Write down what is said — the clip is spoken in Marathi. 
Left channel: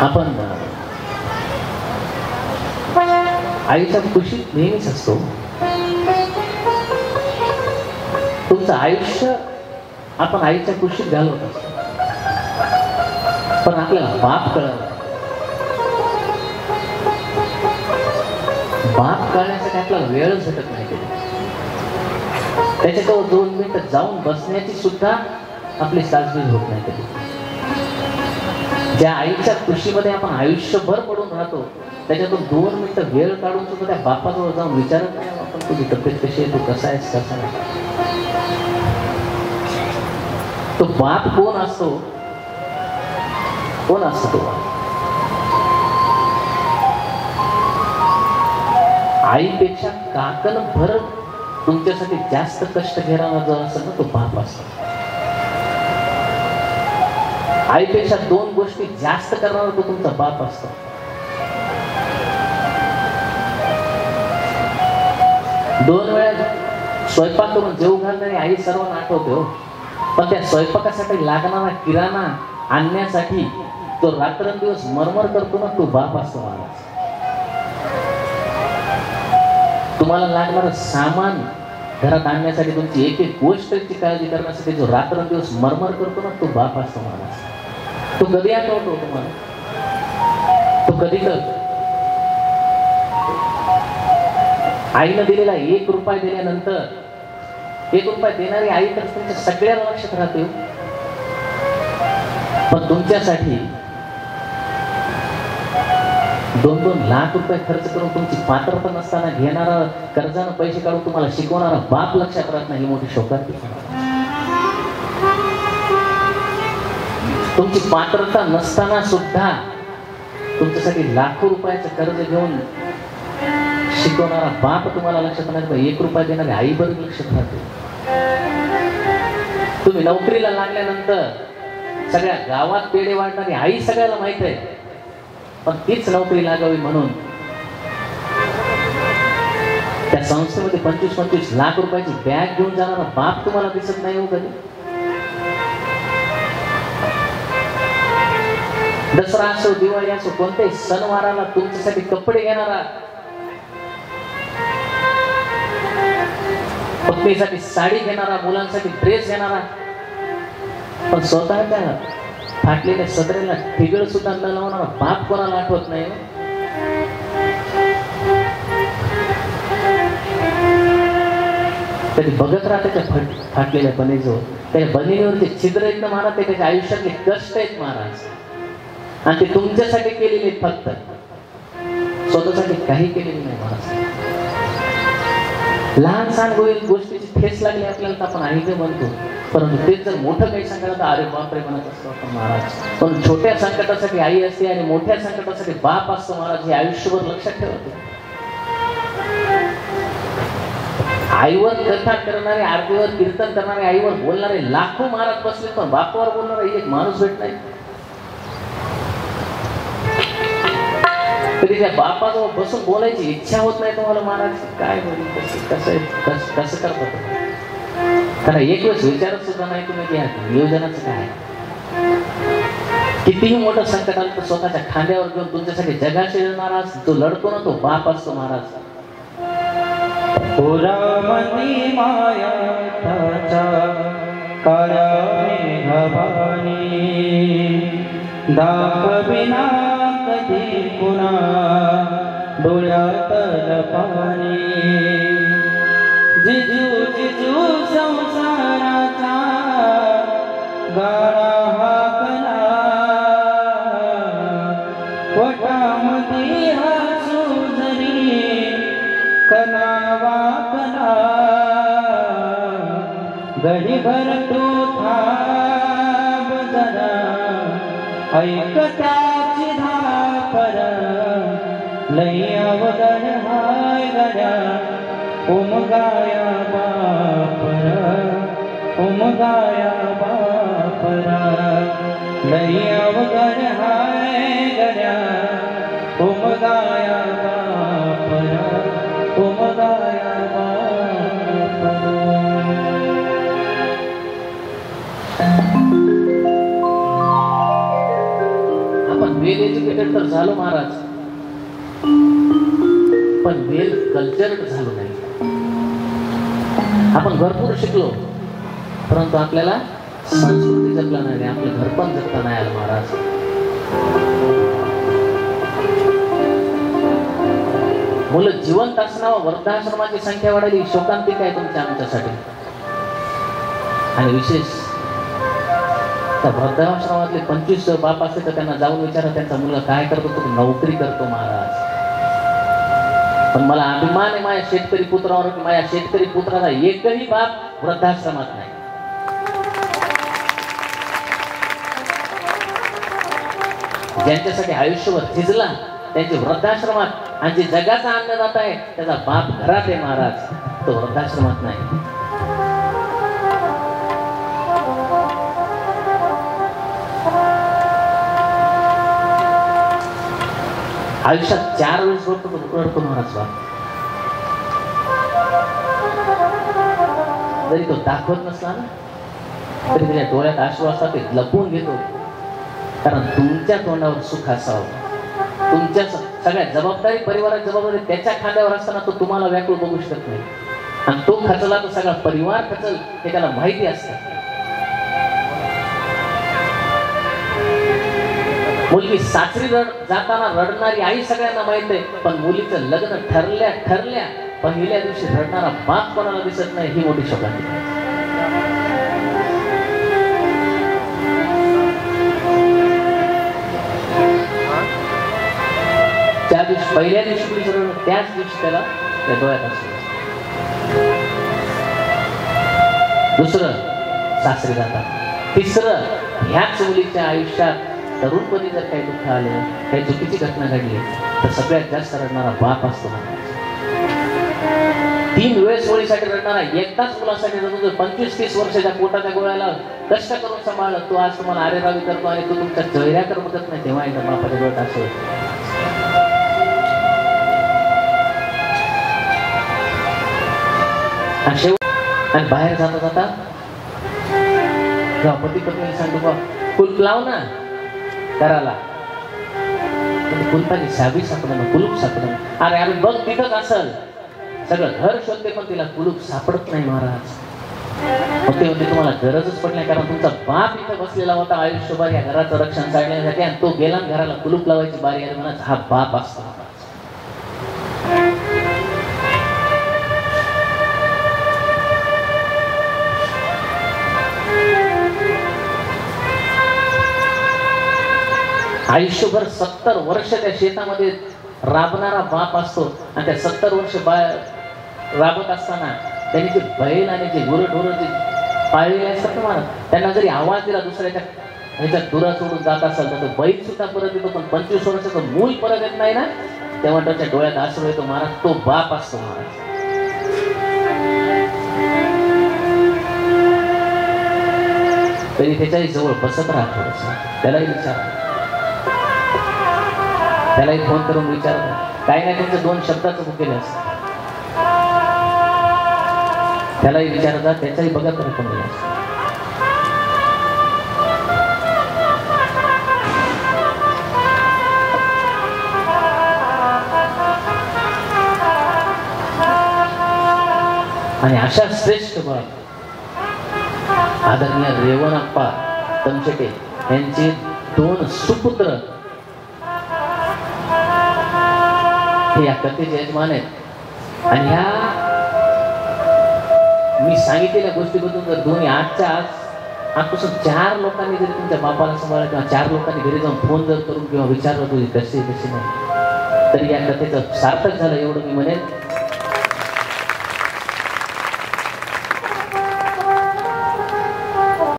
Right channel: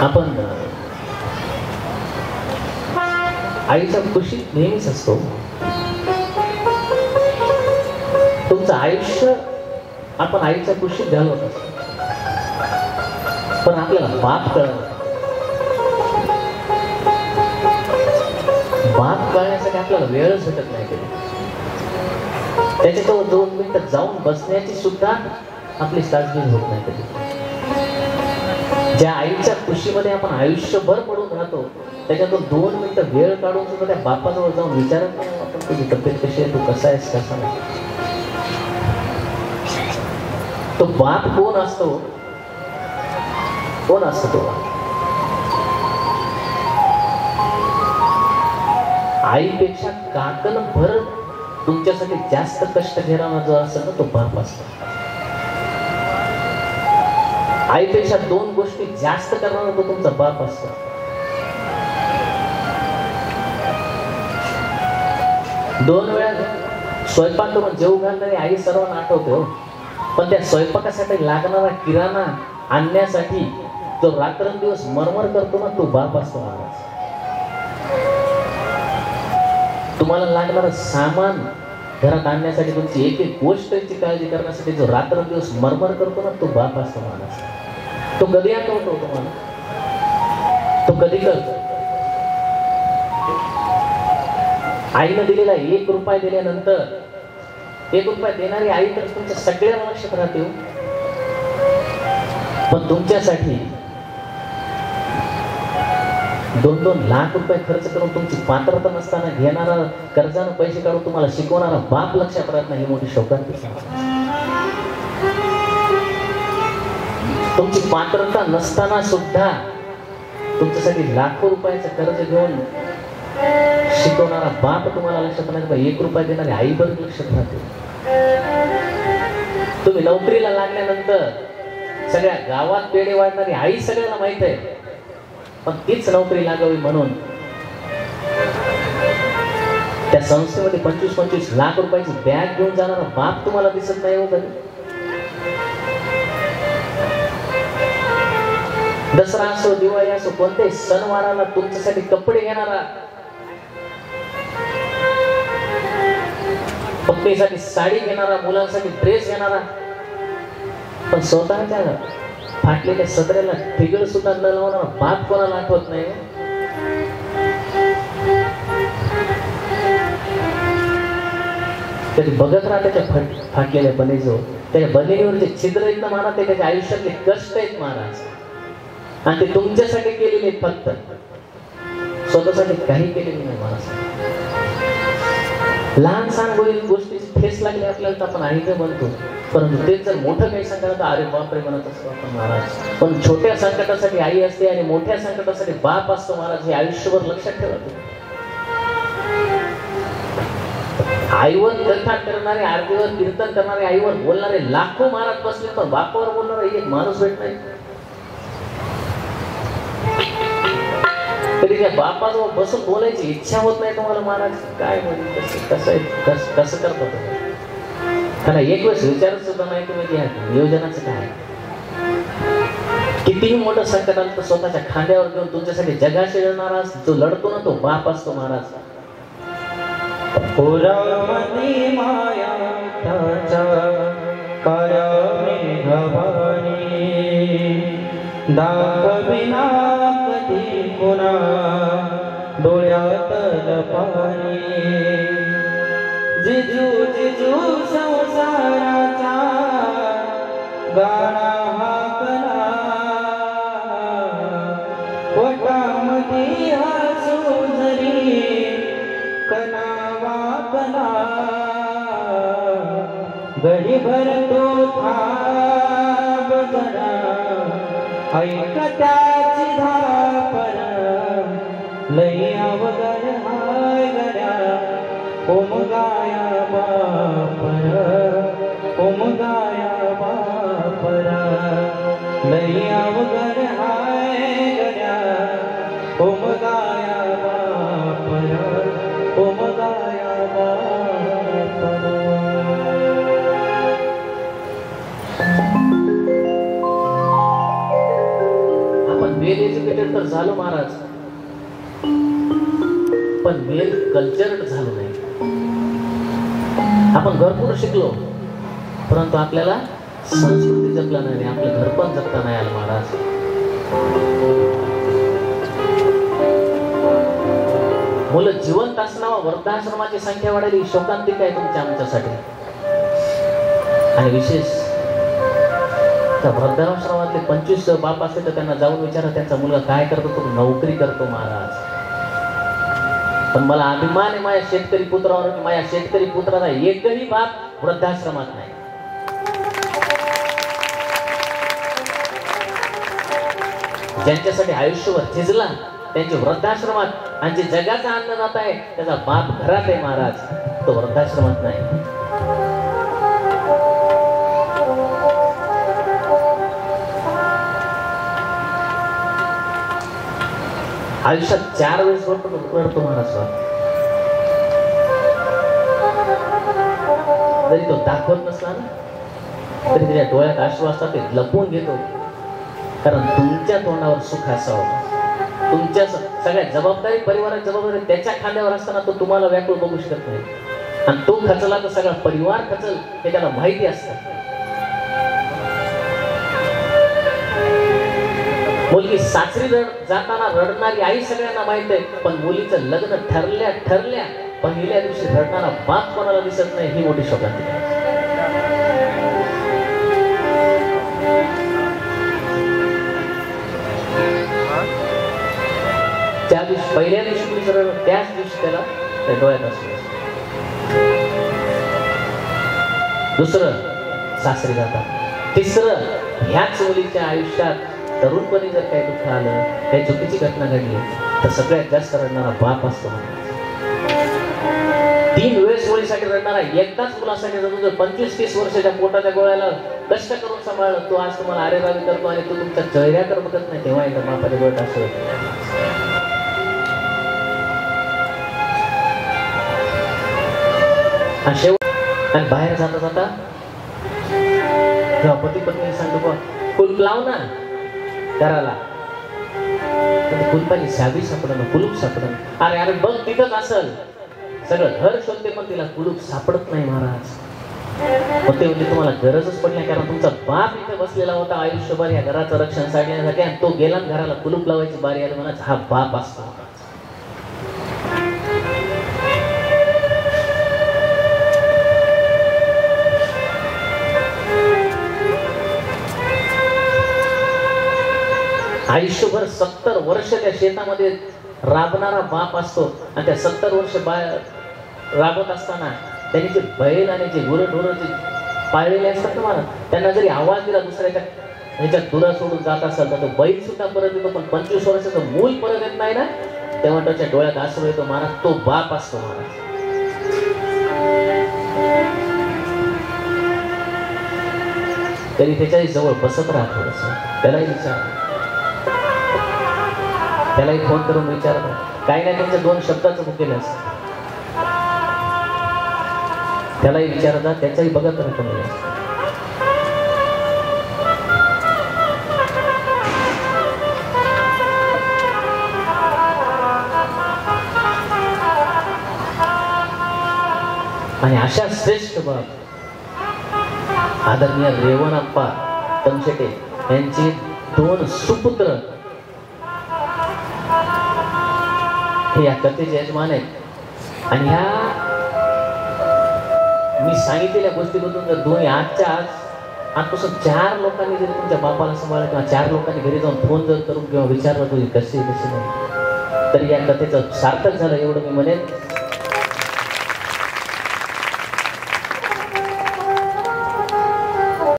आपण आईच्या कुशीत नेहमीच असतो. तुमचं आयुष्य आपण आईच्या कुशीत घालवत असतो, पण आपल्याला बाप कळत. बाप कळण्यासाठी आपल्याला वेळच भेटत नाही कधी. त्याच्याजवळ 2 मिनिटं जाऊन बसण्याची सुद्धा आपली साजगीज होत नाही कधी. ज्या आईच्या कुशीमध्ये आपण आयुष्यभर पडून राहतो, त्याच्यातून 2 मिनिटं वेळ काढून सुद्धा त्या बापाजवळ जाऊन विचारत नाही आपण, तुझी तब्येत कशी आहे, तू कसा आहेस, कसा नाही. तो बाप कोण असतो? कोण असतो तो? आईपेक्षा काकण भर तुमच्यासाठी जास्त कष्ट घेणारा जो असेल ना, तो बाप असतो. आईपेक्षा 2 गोष्टी जास्त करणारा तो तुमचा बाप असतो. दोन वेळा स्वयंपाक करून जेवू घालणारी आई सर्वांना आठवते हो, पण त्या स्वयंपाकासाठी लागणारा किराणा आणण्यासाठी जो रात्रंदिवस मरमर करतो ना, तो बाप असतो महाराज. तुम्हाला लागणारं सामान घरात आणण्यासाठी, तुमची एक एक गोष्टची काळजी करण्यासाठी जो रात्रंदिवस मरमर करतो ना, तो बाप असतो महाराज. तो कधी आठवतो तुम्हाला? तो कधी करतो? आईनं दिलेला 1 रुपया दिल्यानंतर 1 रुपया देणारी आई तर तुमच्या सगळ्या लक्षात राहते. पण तुमच्यासाठी 2-2 लाख रुपये खर्च करून तुमची पात्रता नसताना घेणारा, कर्जानं पैसे काढून तुम्हाला शिकवणारा बाप लक्षात राहत नाही. ही मोठी शोकांती. तुमची पात्रता नसताना सुद्धा तुमच्यासाठी लाखो रुपयाचं कर्ज घेऊन शिकवणारा बाप तुम्हाला लक्षात नाही. 1 रुपया देणारी आई बरोबर लक्षात राहते. तुम्ही नोकरीला लागल्यानंतर सगळ्या गावात पेढे वाढणारी आई सगळ्याला माहित आहे, पण तीच नोकरी लागावी म्हणून त्या संस्थेमध्ये 25-25 लाख रुपयाची बॅग घेऊन जाणारा बाप तुम्हाला दिसत नाही हो कधी. दसरा असो, दिवाळी असो, कोणत्याही सणवाराला तुमच्यासाठी कपडे घेणारा, पत्नीसाठी साडी घेणारा, मुलांसाठी ड्रेस घेणारा, पण स्वतःच्या फाटलेल्या सदऱ्याला ठिगळ सुद्धा न लावणारा बाप कोणाला आठवत नाही. तरी बघत राहा त्याच्या फाटलेल्या बनीजो, त्याच्या बनिनीवरचे छिद्र आहेत ना महाराज, ते त्याच्या आयुष्यातले कष्ट आहेत महाराज, आणि ते तुमच्यासाठी केलेले, फक्त स्वतःसाठी काही केलेले नाही महाराज. लहान सहान गोष्टीची ठेस लागली आपल्याला तर आपण आईचं म्हणतो, परंतु तेच जर मोठं काही संकट, अरे बापरे म्हणत असतो आपण महाराज. पण छोट्या संकटासाठी आई असते आणि मोठ्या संकटासाठी बाप असतो महाराज. हे आयुष्यभर लक्षात ठेवा. आईवर कथा करणारे, आरतीवर कीर्तन करणारे, आईवर बोलणारे लाखो महाराज बसले, पण बापावर बोलणारा एक माणूस भेट नाही. तरी त्या बापाजवळ बसून बोलायची इच्छा होत नाही तुम्हाला महाराज. काय कसं करतात त्यांना एक वेळेस विचारत सुद्धा नाही तुम्ही की नियोजनाचं काय. कितीही मोठं संकट आलं तर स्वतःच्या खांद्यावर घेऊन तुमच्यासाठी जगाशी लढणारा जो लढतो ना, तो बाप असतो महाराज. डोळ्यातल पाणी, जिजू जिजू संसाराचा गाणा हाकला, पोटामध्ये हसू जरी कणा वाकला, गडीभर तो थांब जरा, ऐक त्याची धापर, लई अवघड हाय गड्या, उमगाया बापर, उमगाया बापर, लई अवघड हाय गड्या, उमगाया बापर, उमगाया बापर. आपण वेल एज्युकेटेड तर झालो महाराज, पण वेल कल्चर्ड झालो नाही. आपण भरपूर शिकलो, परंतु आपल्याला संस्कृती जपला नाही, आपले घर पण जपता नाही आलं महाराज. मुलं जिवंत असणारा वृद्धाश्रमाची संख्या वाढली, शोकांतिक आहे तुमच्या आमच्यासाठी. आणि विशेष त्या वृद्धाश्रमातले 25 बाप असते तर त्यांना जाऊन विचारा त्यांचा मुलगा काय करतो, तो नोकरी करतो महाराज. पण मला अभिमान आहे माझ्या शेतकरी पुत्रावर, माझ्या शेतकरी पुत्राचा एकही बाप वृद्धाश्रमात नाही. ज्यांच्यासाठी आयुष्यभर झिजला त्यांचे वृद्धाश्रमात, आणि जे जगाचा अन्नदाता आहे त्याचा बाप घरात आहे महाराज, तो वृद्धाश्रमात नाही. आयुष्यात 4 वेळेस रडतो महाराज. जरी तो दाखवत नसला ना तरी त्याच्या डोळ्यात अश्रू असतात, ते लपवून घेतो. कारण तुमच्या तोंडावर सुख असावं, तुमच्या सगळ्या जबाबदारी, परिवारात जबाबदारी त्याच्या खांद्यावर असताना तो तुम्हाला व्याकुळ बघू शकत नाही. आणि तो खचला तर सगळा परिवार खचल हे त्याला माहिती असतं. मुलगी सासरी जाताना रडणारी आई सगळ्यांना माहित आहे, पण मुलीचं लग्न ठरल्या पहिल्या दिवशी रडणारा बाप कोणाला दिसत नाही, ही मोठी शोकांतिका. त्या दिवशी पहिल्या दिवशी कुणी रडलं, त्याच दिवशी त्याला त्या डोळ्यात असलं. दुसरं सासरी जातात. तिसरं ह्याच मुलीच्या आयुष्यात तरुणपणी जर काही दुःख आलं, काही चुकीची घटना घडली तर सगळ्यात जास्त रडणारा बाप असतो. 3 वेळेस मुलीसाठी रडणारा, एकदाच मुलासाठी रडतो. 25-30 वर्षाच्या पोटाच्या गोळ्याला कष्ट करून सांभाळलं, तो आज तुम्हाला आरेरावी करतो आणि तो तुमच्या चेहऱ्याकडे बघत नाही, तेव्हा एकदा बापाच्या डोळ्यात असं. आणि बाहेर जाता जाता जेव्हा पती पत्नी सांगतो कुलूप लाव ना घराला, कुलपाची चावी सापडणं, कुलूप सापडणं. अरे अरे बघ तिथंच असल, सगळं घर शोधते पण तिला कुलूप सापडत नाही महाराज. मग ते म्हणजे तुम्हाला गरजच पडली नाही, कारण तुमचा बाप इथे बसलेला होता आयुष्यभर या घराचं रक्षण साधण्यासाठी, आणि तो गेला घराला कुलूप लावायची बारी आली म्हणा, हा बाप असतो. आयुष्यभर 70 वर्ष त्या शेतामध्ये राबणारा बाप असतो, आणि त्या 70 वर्ष राबत असताना त्यांनी जे बैल आणि जे गुरंढोरं जे पाळलेले असतात ना, त्यांना जरी आवाज दिला दुसऱ्याच्या ह्याच्यात दुरा सोडून जात असेल तर तो बैल सुद्धा परत येतो, पण 25 वर्षाचं मूल परत येत नाही ना, तेव्हा त्याच्या डोळ्यात अश्रू येतो महाराज. तो बाप असतो महाराज. तरी त्याच्याही जवळ बसत राहतो, त्यालाही विचार, त्यालाही फोन करून विचारतात, काही नाही त्यांचं 2 शब्दाचं भुकेलं असतं, त्यालाही विचारतात, त्याचाही बघत राहतो मला. आणि अशा श्रेष्ठ बाप आदरणीय रेवणप्पा तमशेटे यांचे 2 सुपुत्र हे या कथेचे यजमान आहेत. आणि ह्या मी सांगितलेल्या गोष्टीबद्दल जर दोन्ही आजच्या आजपासून 4 लोकांनी जरी तुमच्या बापाला सांभाळलं, किंवा 4 लोकांनी घरी जाऊन फोन जर करून किंवा विचारलं तुझी तशी नाही, तर या कथेचं सार्थक झालं एवढं मी म्हणेन.